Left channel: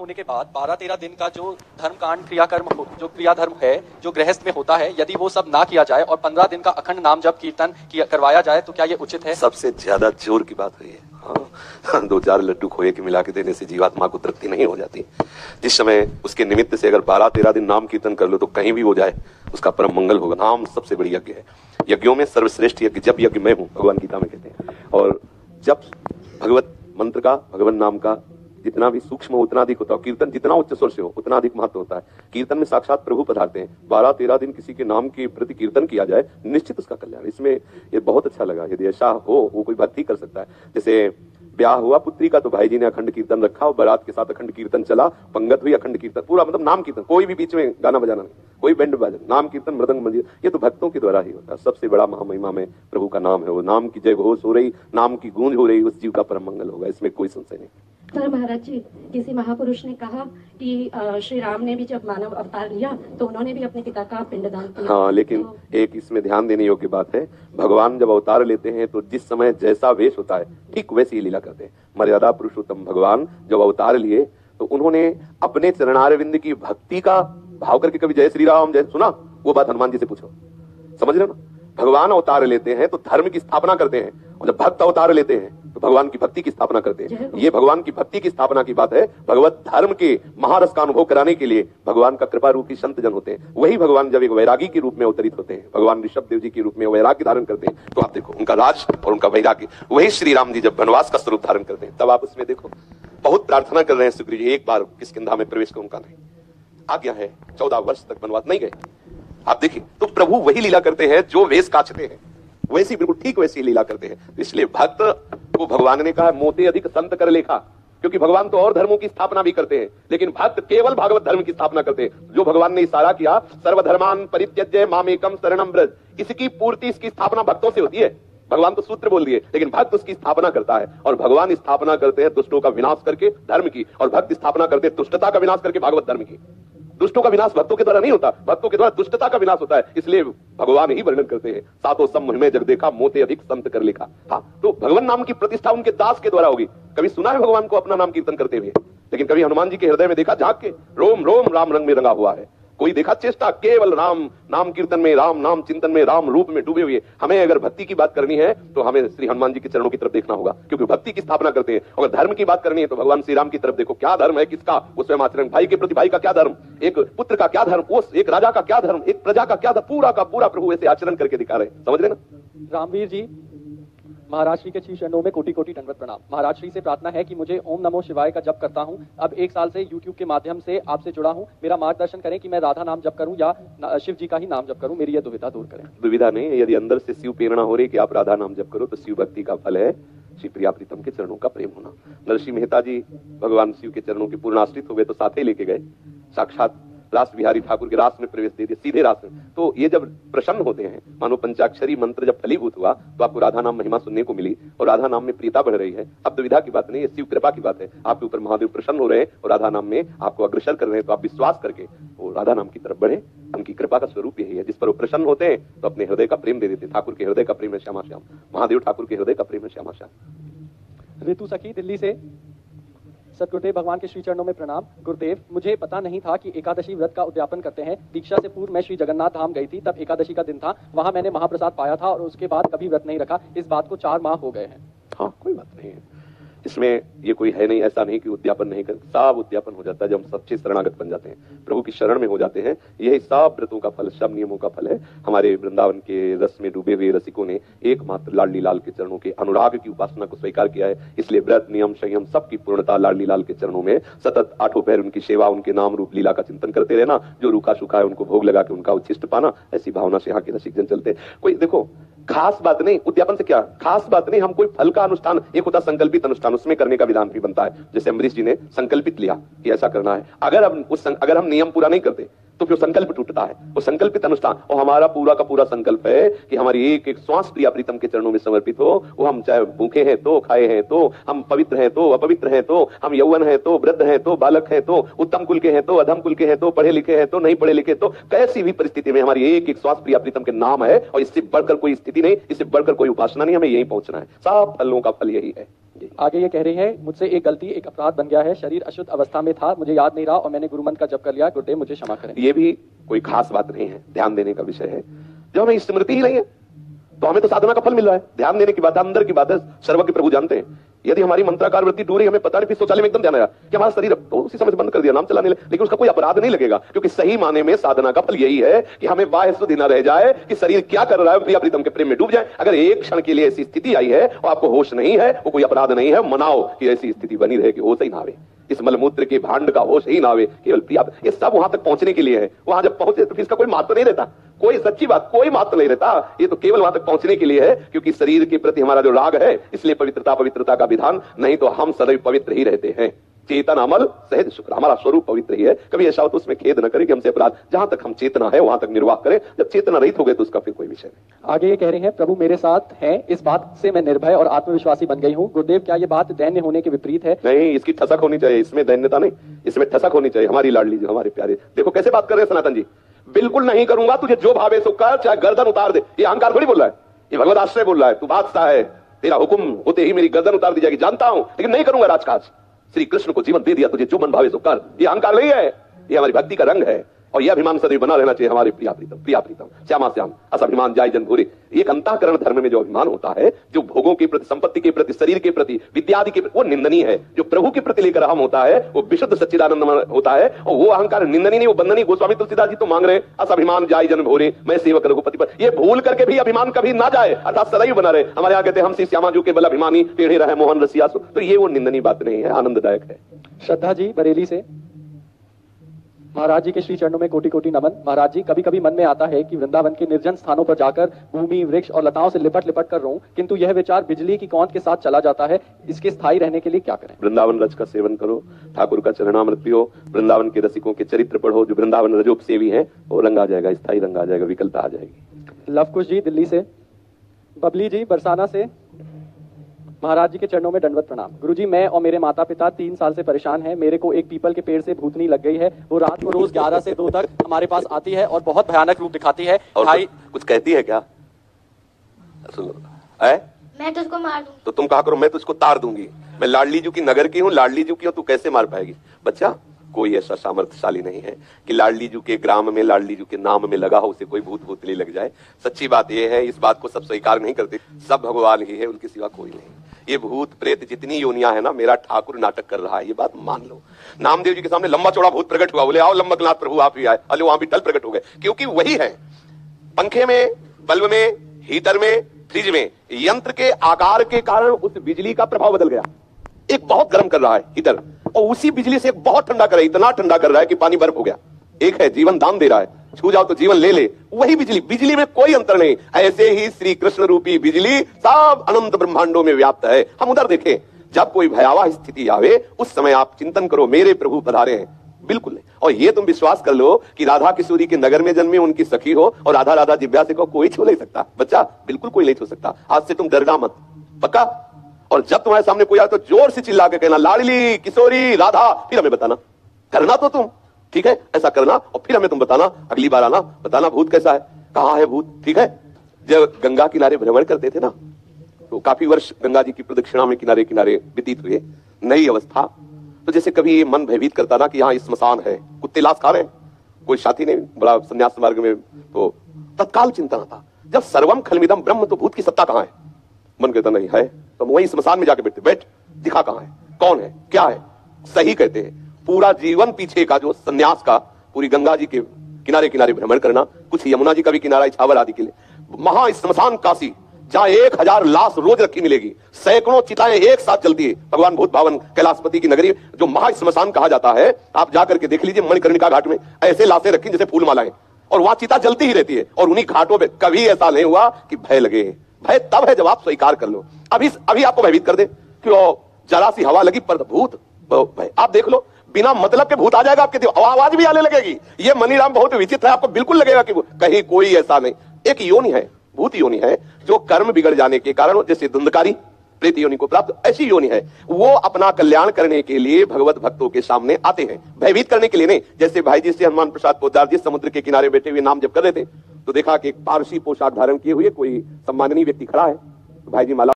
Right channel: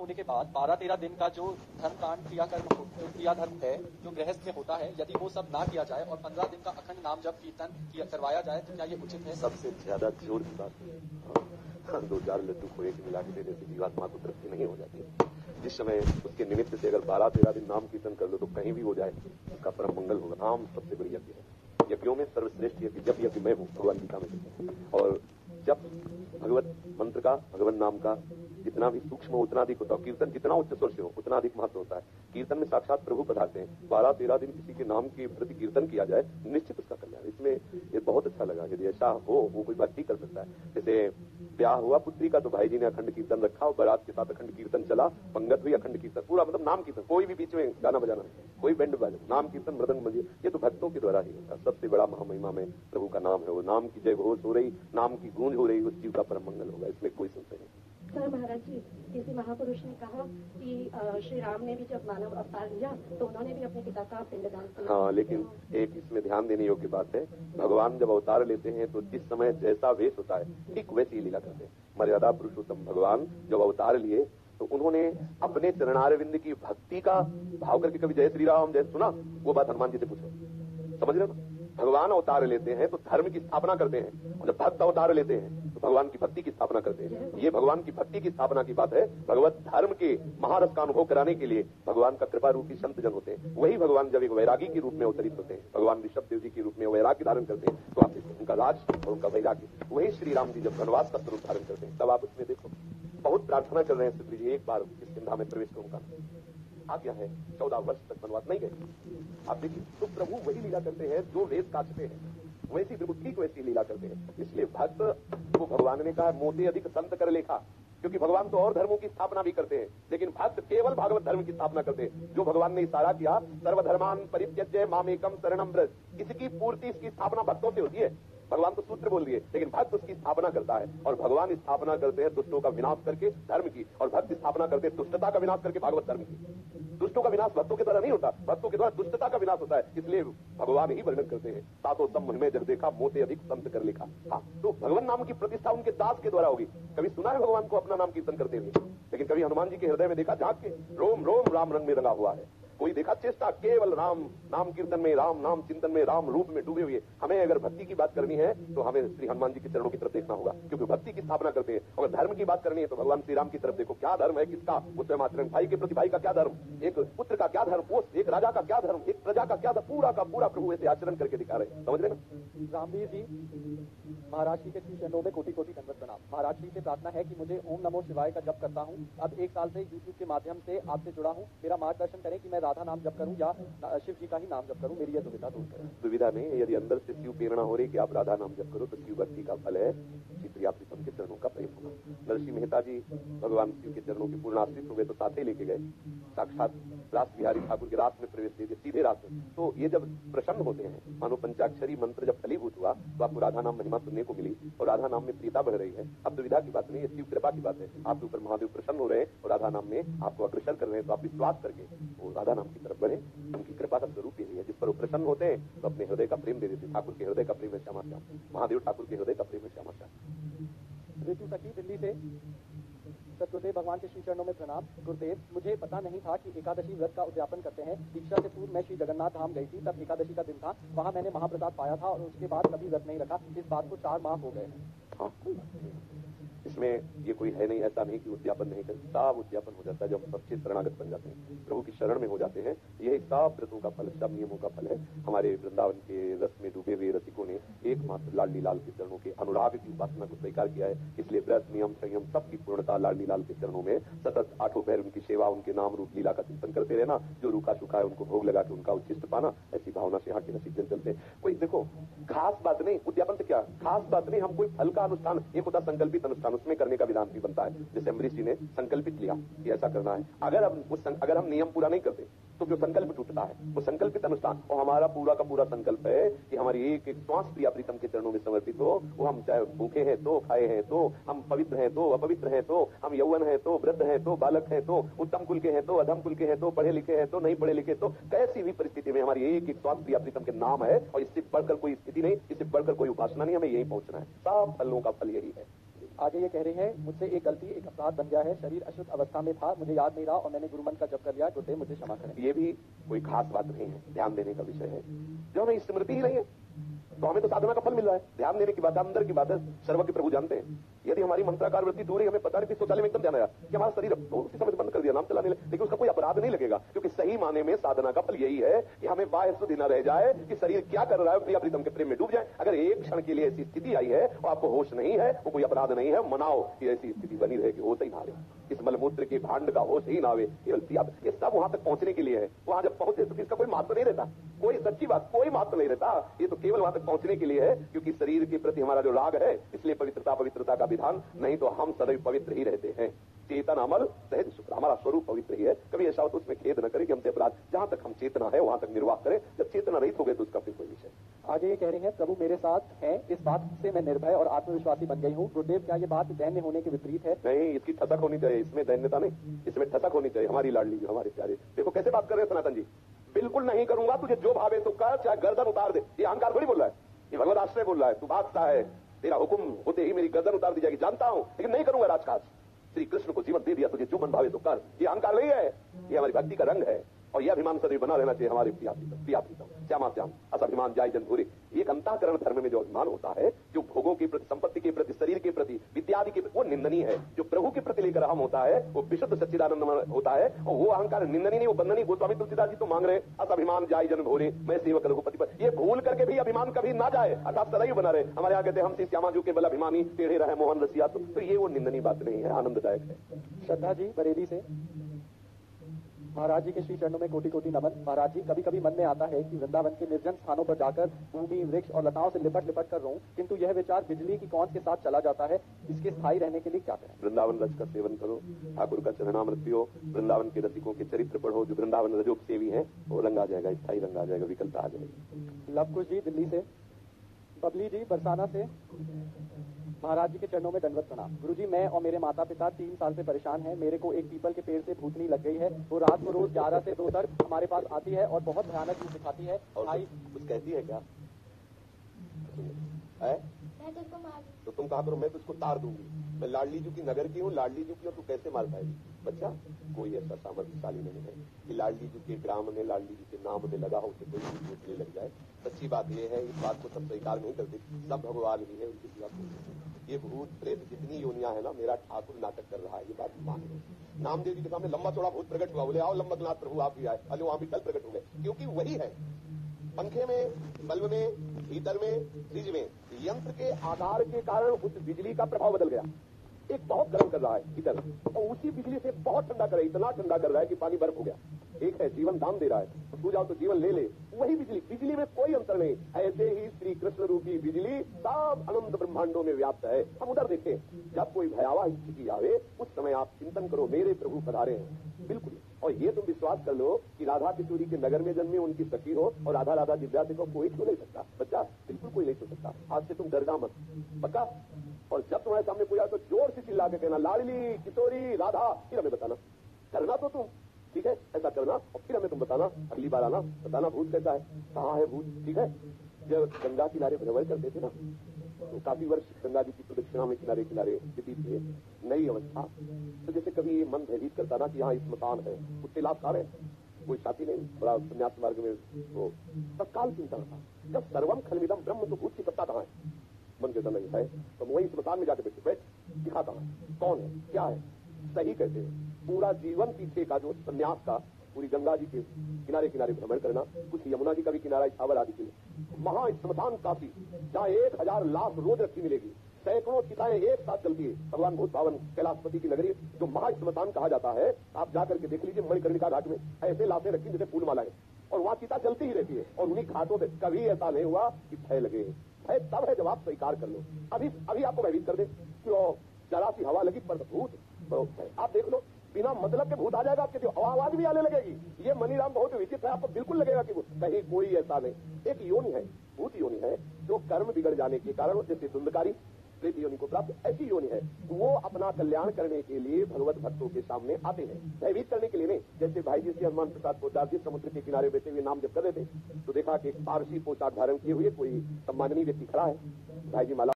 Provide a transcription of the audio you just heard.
होने के बाद 12-13 दिन का जो धर्म कांड क्रियाकर्म जो क्रिया धर्म है जो गृहस्थ में होता है, यदि वो सब ना किया जाए और 15 दिन का अखंड नाम जप कीर्तन करवाया जाए तो क्या ये उचित है? सबसे ज्यादा जोर की बात हुई है। हाँ, 2-4 लड्डू खोए के मिला के देने से जीवात्मा को तृप्ति नहीं हो जाती। जिस समय उसके निमित्त से अगर 12-13 दिन नाम कीर्तन कर लो तो कहीं भी हो जाए उसका परम मंगल होगा। नाम सबसे बड़ी यज्ञ है। यज्ञों में सर्वश्रेष्ठ यज्ञ जब यज्ञ मैं हूं, भगवान गीता में कहते हैं। और जब भगवत मंत्र का, भगवान नाम का जितना भी सूक्ष्म हो उतना अधिक होता है। कीर्तन जितना उच्च स्वर से हो उतना अधिक महत्व होता है। कीर्तन में साक्षात प्रभु पधारते हैं। 12-13 दिन किसी के नाम के प्रति कीर्तन किया जाए, निश्चित उसका कल्याण। इसमें ये बहुत अच्छा लगा। यदि ऐसा हो, वो कोई भक्ति कर सकता है। जैसे ब्याह हुआ पुत्री का तो भाई जी ने अखंड कीर्तन रखा और बारात के साथ अखंड कीर्तन चला, पंगत हुई, अखंड कीर्तन पूरा, मतलब नाम कीर्तन, कोई भी बीच में गाना बजाना नहीं, कोई बैंड बाजा, नाम कीर्तन, मृदंग मंजीरा, ये तो भक्तों के द्वारा ही होता है। सबसे बड़ा महामहिमा में प्रभु का नाम है। वो नाम की जय घोष हो रही, नाम की गूंज हो रही, उस जीव का परम मंगल होगा, इसमें कोई संशय नहीं। सर महाराज जी, किसी महापुरुष ने कहा कि श्री राम ने भी जब मानव अवतार लिया तो उन्होंने भी अपने पिता का पिंडदान किया। हाँ, लेकिन एक इसमें ध्यान देने योग्य बात है, भगवान जब अवतार लेते हैं तो जिस समय जैसा वेश होता है ठीक वैसी ही लीला करते हैं। मर्यादा पुरुषोत्तम भगवान जब अवतार लिए तो उन्होंने अपने चरणारविंद की भक्ति का भाव करके कभी जय श्री राम जय सुना? वो बात हनुमान जी से पूछो, समझ रहे हो ना? भगवान अवतार लेते हैं तो धर्म की स्थापना करते हैं, और जब भक्त अवतार लेते हैं तो भगवान की भक्ति की स्थापना करते हैं। ये भगवान की भक्ति की स्थापना की बात है। भगवत धर्म के महारस का अनुभव कराने के लिए भगवान का कृपा रूपी संत जन होते हैं। वही भगवान जब एक वैरागी के रूप में अवतरित होते हैं, भगवान ऋषभ देव जी के रूप में वैराग्य धारण करते हैं, तो आप देखो उनका राज और उनका वैराग्य। वही श्री राम जी जब वनवास का स्वरूप धारण करते हैं तब आप उसमें देखो बहुत प्रार्थना कर रहे हैं सुग्रीव जी, एक बार किष्किंधा में प्रवेश का उनका नहीं, आज्ञा है 14 वर्ष तक वनवास नहीं गए। आप देखिए, तो प्रभु वही लीला करते हैं जो वेश काचते हैं, वैसी बिल्कुल ठीक वैसी लीला करते हैं। तो इसलिए भक्त को भगवान ने कहा मोते अधिक संत कर लेखा, क्योंकि भगवान तो और धर्मों की स्थापना भी करते हैं, लेकिन भक्त केवल भागवत धर्म की स्थापना करते हैं। जो भगवान ने इशारा किया सर्वधर्मान परित्यज्य मामेकम शरणम व्रज, इसकी पूर्ति, इसकी स्थापना भक्तों से होती है। भगवान तो सूत्र बोल दिए, लेकिन भक्त उसकी स्थापना करता है। और भगवान स्थापना करते हैं दुष्टों का विनाश करके धर्म की, और भक्त स्थापना करते हैं दुष्टता का विनाश करके भागवत धर्म की। दुष्टों का विनाश भक्तों के द्वारा नहीं होता, भक्तों के द्वारा दुष्टता का विनाश होता है। इसलिए भगवान ही वर्णन करते हैं, सातों सम महिमे जग देखा, मोते अधिक संत कर लिखा। हाँ, तो भगवान नाम की प्रतिष्ठा उनके दास के द्वारा होगी। कभी सुना है भगवान को अपना नाम कीर्तन करते हुए? लेकिन कभी हनुमान जी के हृदय में देखा झांक के रोम रोम राम रंग में रंगा हुआ है? कोई देखा चेष्टा केवल राम नाम कीर्तन में, राम नाम चिंतन में, राम रूप में डूबे हुए? हमें अगर भक्ति की बात करनी है तो हमें श्री हनुमान जी के चरणों की तरफ देखना होगा, क्योंकि भक्ति की स्थापना करते हैं। अगर धर्म की बात करनी है तो भगवान श्री राम की तरफ देखो, क्या धर्म है किसका, उसमें आचरण, भाई के प्रति भाई का क्या धर्म, एक पुत्र का क्या धर्म, उस एक राजा का क्या धर्म, एक प्रजा का क्या धर्म, पूरा का पूरा प्रभु ऐसे आचरण करके दिखा रहे हैं। समझ रहे ना? रामवीर जी, महाराज श्री के श्री चरणों में कोटि कोटि दंडवत प्रणाम। महाराज श्री से प्रार्थना है कि मुझे ओम नमो शिवाय का जप करता हूं। अब 1 साल से YouTube के माध्यम से आपसे जुड़ा हूं। मेरा मार्गदर्शन करें कि मैं राधा नाम जप करूं या शिव जी का ही नाम जप करूं। मेरी यह दुविधा दूर करें। दुविधा नहीं, यदि अंदर से शिव प्रेरणा हो रही कि आप राधा नाम जप करो तो शिव भक्ति का फल है श्री प्रिया प्रीतम के चरणों का प्रेम होना। नरसिंह मेहता जी भगवान शिव के चरणों के पूर्ण आश्रित हो गए तो साथ ही लेके गए, साक्षात रास बिहारी ठाकुर के रास में प्रवेश दे दिया, सीधे रास में। तो ये जब प्रसन्न होते हैं, मानो पंचाक्षरी मंत्र जब फलीभूत हुआ तो आपको राधा नाम महिमा सुनने को मिली और राधा नाम में प्रियता बढ़ रही है। अब दुविधा की बात नहीं है, शिव कृपा की बात है। आपके ऊपर महादेव प्रसन्न हो रहे हैं और राधा नाम में आपको अग्रसर कर रहे हैं, तो आप विश्वास करके वो राधा नाम की तरफ बढ़े। उनकी कृपा का स्वरूप यही है, जिस पर वो प्रसन्न होते हैं तो अपने हृदय का प्रेम दे देते। ठाकुर के हृदय का प्रेम है श्यामा श्याम, महादेव ठाकुर के हृदय का प्रेम है श्यामा श्याम। ऋतु सखी दिल्ली से, सतगुरुदेव भगवान के श्री चरणों में प्रणाम। गुरुदेव, मुझे पता नहीं था कि एकादशी व्रत का उद्यापन करते हैं। दीक्षा से पूर्व मैं श्री जगन्नाथ धाम गई थी, तब एकादशी का दिन था। वहां मैंने महाप्रसाद पाया था और उसके बाद कभी व्रत नहीं रखा। इस बात को 4 माह हो गए हैं। हाँ, कोई बात नहीं है इसमें, ये कोई है नहीं, ऐसा नहीं कि उद्यापन नहीं कर, सब उद्यापन हो जाता है जब हम सच्चे शरणागत बन जाते हैं, प्रभु की शरण में हो जाते हैं। यही सब व्रतों का फल, सब नियमों का फल है। हमारे वृंदावन के रस में डूबे हुए रसिकों ने एकमात्र लाडली लाल के चरणों के अनुराग की उपासना को स्वीकार किया है। इसलिए व्रत नियम संयम सबकी पूर्णता लाडली लाल के चरणों में, सतत 8 पहर उनकी सेवा, उनके नाम रूप लीला का चिंतन करते रहना, जो रूखा सूखा है उनको भोग लगा के उनका उच्छिष्ट पाना, ऐसी भावना से यहाँ के रसिक जन चलते हैं। कोई देखो खास बात नहीं, उद्यापन से क्या खास बात नहीं, हम कोई फल का अनुष्ठान, एक होता संकल्पित अनुष्ठान, उसमें करने का विधान भी बनता है। जैसे अम्बरीश जी ने संकल्पित लिया कि ऐसा करना है, अगर हम नियम पूरा नहीं करते तो फिर संकल्प टूटता है, वो संकल्पित अनुष्ठान। और हमारा पूरा का पूरा संकल्प है कि हमारी एक एक श्वास प्रिया प्रीतम के चरणों में समर्पित हो। वो हम चाहे भूखे हैं तो, खाए हैं तो, हम पवित्र हैं तो, अपवित्र हैं तो, हम यौवन हैं तो, वृद्ध हैं तो, बालक हैं तो, उत्तम कुल के हैं तो, अधम कुल के हैं तो, पढ़े लिखे हैं तो, नहीं पढ़े लिखे तो, कैसी भी परिस्थिति में हमारी एक एक श्वास प्रिया प्रीतम के नाम है। और इससे बढ़कर कोई स्थिति नहीं, इससे बढ़कर कोई उपासना नहीं, हमें यही पहुंचना है। सब फलों का फल यही है। आगे ये कह रही है, मुझसे एक गलती, एक अपराध बन गया है, शरीर अशुद्ध अवस्था में था, मुझे याद नहीं रहा और मैंने गुरुमंत्र का जप कर लिया, गुरुदेव मुझे क्षमा करें। ये भी कोई खास बात नहीं है, ध्यान देने का विषय है। जब हमें स्मृति ही नहीं है तो हमें तो साधना का फल मिल रहा है। ध्यान देने की बात है, अंदर की बात है, सर्वज्ञ प्रभु जानते हैं। यदि हमारी मंत्राकार वृत्ति टूट रही, हमें पता नहीं, फिर शौचालय में एकदम ध्यान आया कि हमारा शरीर तो उसी समय बंद कर दिया, नाम चलाने लगे, लेकिन उसका कोई अपराध नहीं लगेगा, क्योंकि सही माने में साधना का फल यही है कि हमें बाह्य शुद्धि न रह जाए कि शरीर क्या कर रहा है, प्रिया प्रीतम के प्रेम में डूब जाए। अगर एक क्षण के लिए ऐसी स्थिति आई है और आपको होश नहीं है, वो कोई अपराध नहीं है, मनाओ कि ऐसी स्थिति बनी रहे कि होश ही ना आवे, इस मलमूत्र के भांड का होश ही ना आवे, केवल प्रिया। ये सब वहां तक पहुंचने के लिए है। वहां जब पहुंचे तो फिर इसका कोई महत्व नहीं रहता, कोई सच्ची बात, कोई महत्व नहीं रहता। ये तो केवल वहां तक पहुंचने के लिए है, क्योंकि शरीर के प्रति हमारा जो राग है, इसलिए पवित्रता का विधान, नहीं तो हम सदैव पवित्र ही रहते हैं। चेतन अमल सहज शुक्र, हमारा स्वरूप पवित्र ही है। कभी ऐसा हो तो उसमें खेद न करें कि हमसे अपराध, जहां तक हम चेतना है वहां तक निर्वाह करें। जब चेतना रहित हो गए तो उसका फिर कोई विषय नहीं। आगे ये कह रहे हैं, प्रभु मेरे साथ हैं, इस बात से मैं निर्भय और आत्मविश्वासी बन गई हूँ। गुरुदेव क्या ये बात दैन्य होने के विपरीत है? नहीं, इसकी ठसक होनी चाहिए, इसमें दैन्यता नहीं, इसमें ठसक होनी चाहिए। हमारी लाडली जो हमारे प्यारे, देखो कैसे बात कर रहे हैं सनातन जी, बिल्कुल नहीं करूंगा, तुझे जो भावे सो कर, चाहे गर्दन उतार दे। ये अहंकार थोड़ी बोल रहा है, ये भगवत आश्रय बोल रहा है। तू बादशाह है, तेरा हुक्म होते ही मेरी गर्दन उतार दी जाएगी, जानता हूं, लेकिन नहीं करूंगा राजकाज। श्री कृष्ण को जीवन दे दिया, तुझे जो मन भावे सो कर। ये अहंकार नहीं है, ये हमारी भक्ति का रंग है। और यह अभिमान सदैव बना रहना चाहिए हमारे प्रिया प्रीतम श्यामा श्याम अस अभिमान जाय जन भूरे। एक अंतःकरण धर्म में जो अभिमान होता है, जो भोगों के प्रति, संपत्ति के प्रति, शरीर के प्रति, विद्यादि के प्रति, वो निंदनीय है। जो प्रभु के प्रति लेकर हम होता है वो विशुद्ध सच्चिदानंद होता है, और वो अहंकार निंदनीय नहीं, वो बंदनीय। गोस्वामी तुलसीदास जी तो मांग रहे अस अभिमान जाय जन भूरे, मैं सेवक रघुपति पर। ये भूल करके भी अभिमान कभी ना जाए, अर्थात सदैव बना रहे। हमारे यहाँ कहते हैं, हम श्री श्यामा जी के बल अभिमानी टेढ़े रहे मोहन रसिया। तो ये वो निंदनीय बात नहीं है, आनंददायक है। श्रद्धा जी बरेली से, महाराज जी के श्री चरणों में कोटि कोटि नमन। महाराज जी, कभी कभी मन में आता है कि वृंदावन के निर्जन स्थानों पर जाकर भूमि, वृक्ष और लताओं से लिपट लिपट कर रहूं, किंतु यह विचार बिजली की कौंध के साथ चला जाता है। इसके स्थायी रहने के लिए क्या करें? वृंदावन रज का सेवन करो, ठाकुर का चरणामृत पियो, वृंदावन के रसिकों के चरित्र पढ़ो, जो वृंदावन रजोपसेवी है, वो रंग आ जाएगा, स्थायी रंग आ जाएगा, विकलता आ जाएगी। लवकुश जी दिल्ली से, बबली जी बरसाना से, महाराज जी के चरणों में दंडवत प्रणाम। गुरुजी, मैं और मेरे माता पिता 3 साल से परेशान हैं। मेरे को एक पीपल के पेड़ से भूतनी लग गई है। वो रात को रोज 11 से 2 तक हमारे पास आती है और बहुत भयानक रूप दिखाती है। और कुछ कहती है क्या? मैं तुझको मार दूंगी। तो तुम कहा करो, मैं तुझको तार दूंगी। मैं लाडली जू की नगर की हूँ, लाडली जू की हूँ, तू कैसे मार पाएगी? बच्चा, कोई ऐसा सामर्थ्यशाली नहीं है कि लाडली जू के ग्राम में, लाडली जू के नाम में लगा हो, उसे कोई भूत भूतली लग जाए। सच्ची बात यह है, इस बात को सब स्वीकार नहीं करते, सब भगवान ही है, उनके सिवा कोई नहीं। ये भूत प्रेत जितनी योनियां है ना, मेरा ठाकुर नाटक कर रहा है, ये बात मान लो। नामदेव जी के सामने लंबा चौड़ा भूत प्रकट हुआ, बोले आओ लंबकनाथ प्रभु आप ही आए, अले वहां भी टल प्रकट हो गए, क्योंकि वही है। पंखे में, बल्ब में, हीटर में, फ्रिज में, यंत्र के आकार के कारण उस बिजली का प्रभाव बदल गया। एक बहुत गर्म कर रहा है हीटर, और उसी बिजली से एक बहुत ठंडा कर रहा है, इतना ठंडा कर रहा है कि पानी बर्फ हो गया। एक है जीवन दान दे रहा है, छू जाओ तो जीवन ले ले, वही बिजली, बिजली में कोई अंतर नहीं। ऐसे ही श्री कृष्ण रूपी बिजली सब अनंत ब्रह्मांडों में व्याप्त है। हम उधर देखें, जब कोई भयावह स्थिति आवे, उस समय आप चिंतन करो, मेरे प्रभु पधारे हैं। बिल्कुल नहीं। और ये तुम विश्वास कर लो कि राधा किशोरी के नगर में जन्मे, उनकी सखी हो, और राधा राधा जिव्या से को कोई छू नहीं सकता। बच्चा, बिल्कुल कोई नहीं छू सकता। आज से तुम डरना मत, पक्का? और जब तुम्हारे सामने कोई आए तो जोर से चिल्ला के कहना, लाडली किशोरी राधा, फिर हमें बताना। करना तो तुम, ठीक है, ऐसा करना, और फिर हमें तुम बताना, अगली बार आना, बताना भूत कैसा है, कहाँ है भूत, ठीक है? जब गंगा किनारे भ्रमण करते थे ना, तो काफी वर्ष गंगा जी की प्रदक्षिणा में किनारे किनारे व्यतीत हुए। नई अवस्था, तो जैसे कभी ये मन भयभीत करता ना कि यहाँ स्मशान है, कुत्ते लाश खा रहे हैं, कोई साथी नहीं बड़ा संन्यास मार्ग में, तो तत्काल चिंता था, जब सर्वम खलमिदम ब्रह्म, तो भूत की सत्ता कहाँ है? मन कहता नहीं है, तो वही स्मशान में जाके बैठते, बैठ दिखा कहाँ है, कौन है, क्या है? सही कहते हैं, पूरा जीवन पीछे का जो सन्यास का, पूरी गंगा जी के किनारे किनारे भ्रमण करना, कुछ यमुना जी का भी किनारा इछावर आदि के लिए, महा स्मशान काशी, जहां 1000 लाश रोज रखी मिलेगी, सैकड़ों चिताएं एक साथ चलती है, भगवान भूत भावन कैलाशपति की नगरी, जो महा स्मशान कहा जाता है। आप जाकर के देख लीजिए, मणिकर्णिका घाट में ऐसे लाशें रखी जैसे फूल मालाएं, और वहां चिता जलती ही रहती है। और उन्हीं घाटों पे कभी ऐसा नहीं हुआ कि भय लगे। भय तब है जब आप स्वीकार कर लो। अभी आपको भयभीत कर दे कि जरा सी हवा लगी पर भूत भय, आप देख लो, बिना मतलब के भूत आ जाएगा आपके, आवाज भी आने लगेगी। ये मनीराम बहुत विचित्र है, आपको बिल्कुल लगेगा कि कहीं कोई ऐसा नहीं। एक योनि है, भूत योनि है, जो कर्म बिगड़ जाने के कारण, जैसे धुंधकारी प्रेत योनि को प्राप्त, ऐसी योनि है। वो अपना कल्याण करने के लिए भगवत भक्तों के सामने आते हैं, भयभीत करने के लिए नहीं। जैसे भाई जी से हनुमान प्रसाद पोद्दार जी समुद्र के किनारे बैठे हुए नाम जप कर रहे थे, तो देखा कि एक पारसी पोशाक धारण किए हुए कोई सम्माननीय व्यक्ति खड़ा है। भाई जी माला